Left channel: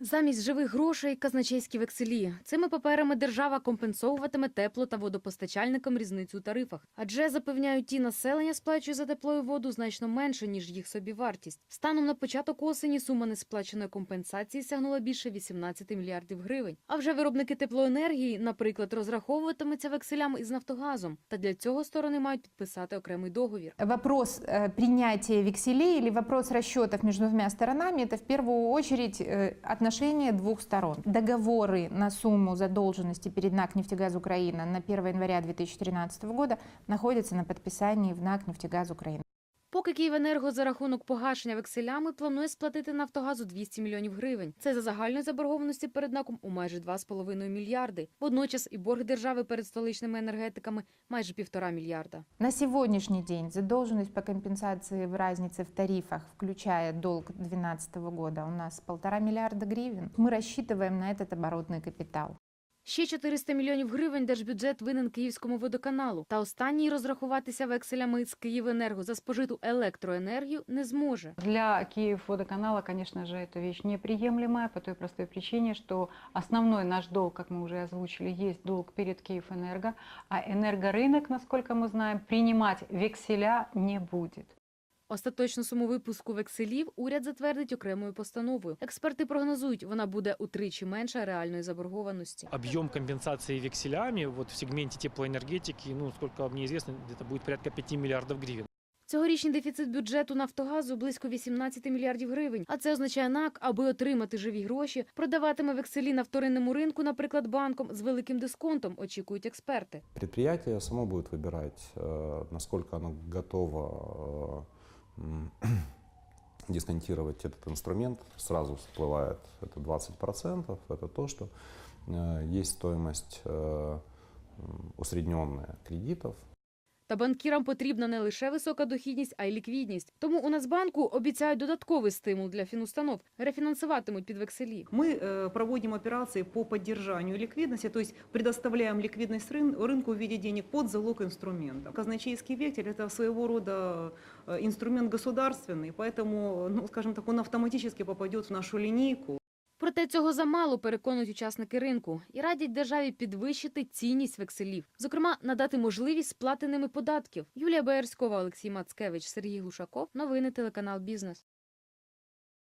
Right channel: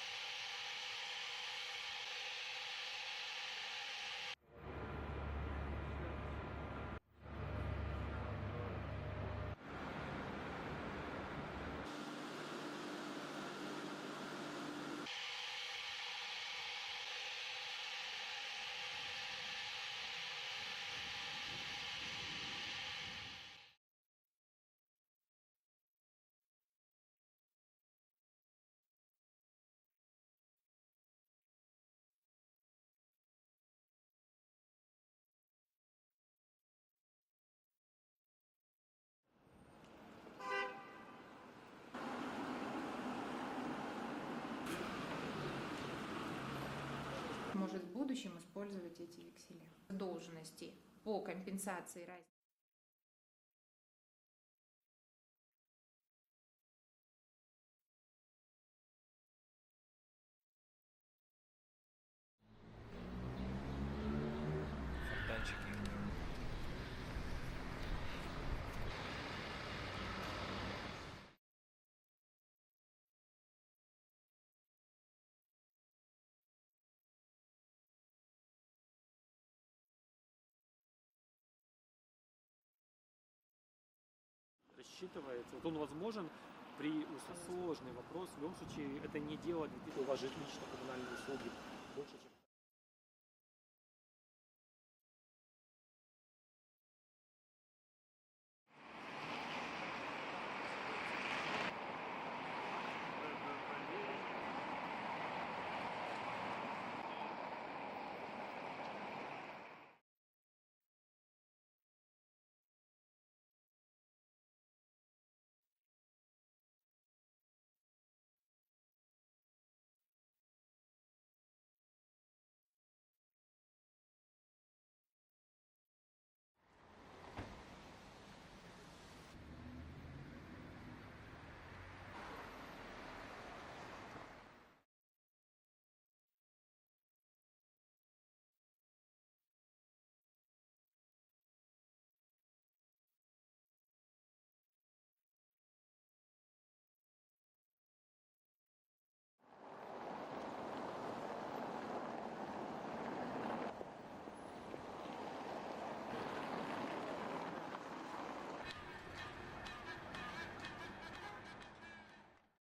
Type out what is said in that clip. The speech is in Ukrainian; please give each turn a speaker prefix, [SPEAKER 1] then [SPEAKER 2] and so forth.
[SPEAKER 1] Замість живих грошей казначейські векселі. Цими паперами держава компенсовуватиме тепло та водопостачальникам різницю у тарифах. Адже запевняють ті населення сплачує за тепло і воду значно менше ніж їх собівартість. Станом на початок осені сума несплаченої компенсації сягнула більше 18 мільярдів гривень. А вже виробники теплоенергії, наприклад, розраховуватимуться векселями із Нафтогазом. Та для цього сторони мають підписати окремий договір.
[SPEAKER 2] Вопрос э, принятия векселей или вопрос расчетов между двумя сторонами – это в первую очередь э, отношения двух сторон. Договоры на сумму задолженности перед НАК «Нефтегаз Украина» на 1 января 2013 года находятся на подписании в НАК «Нефтегаз Украина».
[SPEAKER 1] Поки Київенерго за рахунок погашення векселями планує сплатити Нафтогазу 200 мільйонів гривень. Це за загальної заборгованості перед НАКом у майже 2,5 мільярди. Водночас і борг держави перед столичними енергетиками майже півтора мільярда.
[SPEAKER 2] На сегодняшний день задолженность по компенсации в разнице в тарифах, включая долг 2012 года, у нас полтора миллиарда гривен. Мы рассчитываем на этот оборотный капитал.
[SPEAKER 1] Ще 400 мільйонів гривень держбюджет винен Київському водоканалу. Та останній розрахуватися векселями з Київенерго за спожиту електроенергію не зможе.
[SPEAKER 3] Для Киев-водоканала, конечно же, эта вещь неприемлемая по той простой причине, что основной наш долг, как мы уже озвучили, есть долг перед Киевэнерго, а энергорынок, насколько мы знаем, принимать векселя не будет.
[SPEAKER 1] Остаточну суму випуску векселів уряд затвердить окремою постановою. Експерти прогнозують, вона буде утричі менша реальної заборгованості.
[SPEAKER 4] объем компенсации векселями вот в сегменте теплоэнергетики, ну, сколько мне известно, где-то будет порядка 5 миллиардов гривен.
[SPEAKER 1] Цьогорічний дефіцит бюджету Нафтогазу близько 18 мільярдів гривень. А це означає НАК, аби отримати живі гроші, продаватиме векселі на вторинному ринку, наприклад, банком з великим дисконтом, очікують експерти.
[SPEAKER 5] Предприятие само будет выбирать, э, насколько оно готово э, м, дисконтировать этот инструмент. Сразу всплывает это 20%. Это то, что э, есть стоимость э, м, усредненная кредитов,
[SPEAKER 1] Та банкірам потрібна не лише висока дохідність, а й ліквідність. Тому у Нацбанку обіцяють додатковий стимул для фінустанов. Рефінансуватимуть під векселі.
[SPEAKER 6] Мы э, проводим операции по поддержанию ликвидности, то есть предоставляем ликвидность рын- рынку в виде денег под залог инструмента. Казначейский вексель – это своего рода э, инструмент государственный, поэтому, ну, скажем так, он автоматически попадет в нашу линейку.
[SPEAKER 1] Проте цього замало переконують учасники ринку і радять державі підвищити цінність векселів, зокрема надати можливість сплати ними податків. Юлія Боярськова, Олексій Мацкевич, Сергій Гушаков. Новини телеканал Бізнес.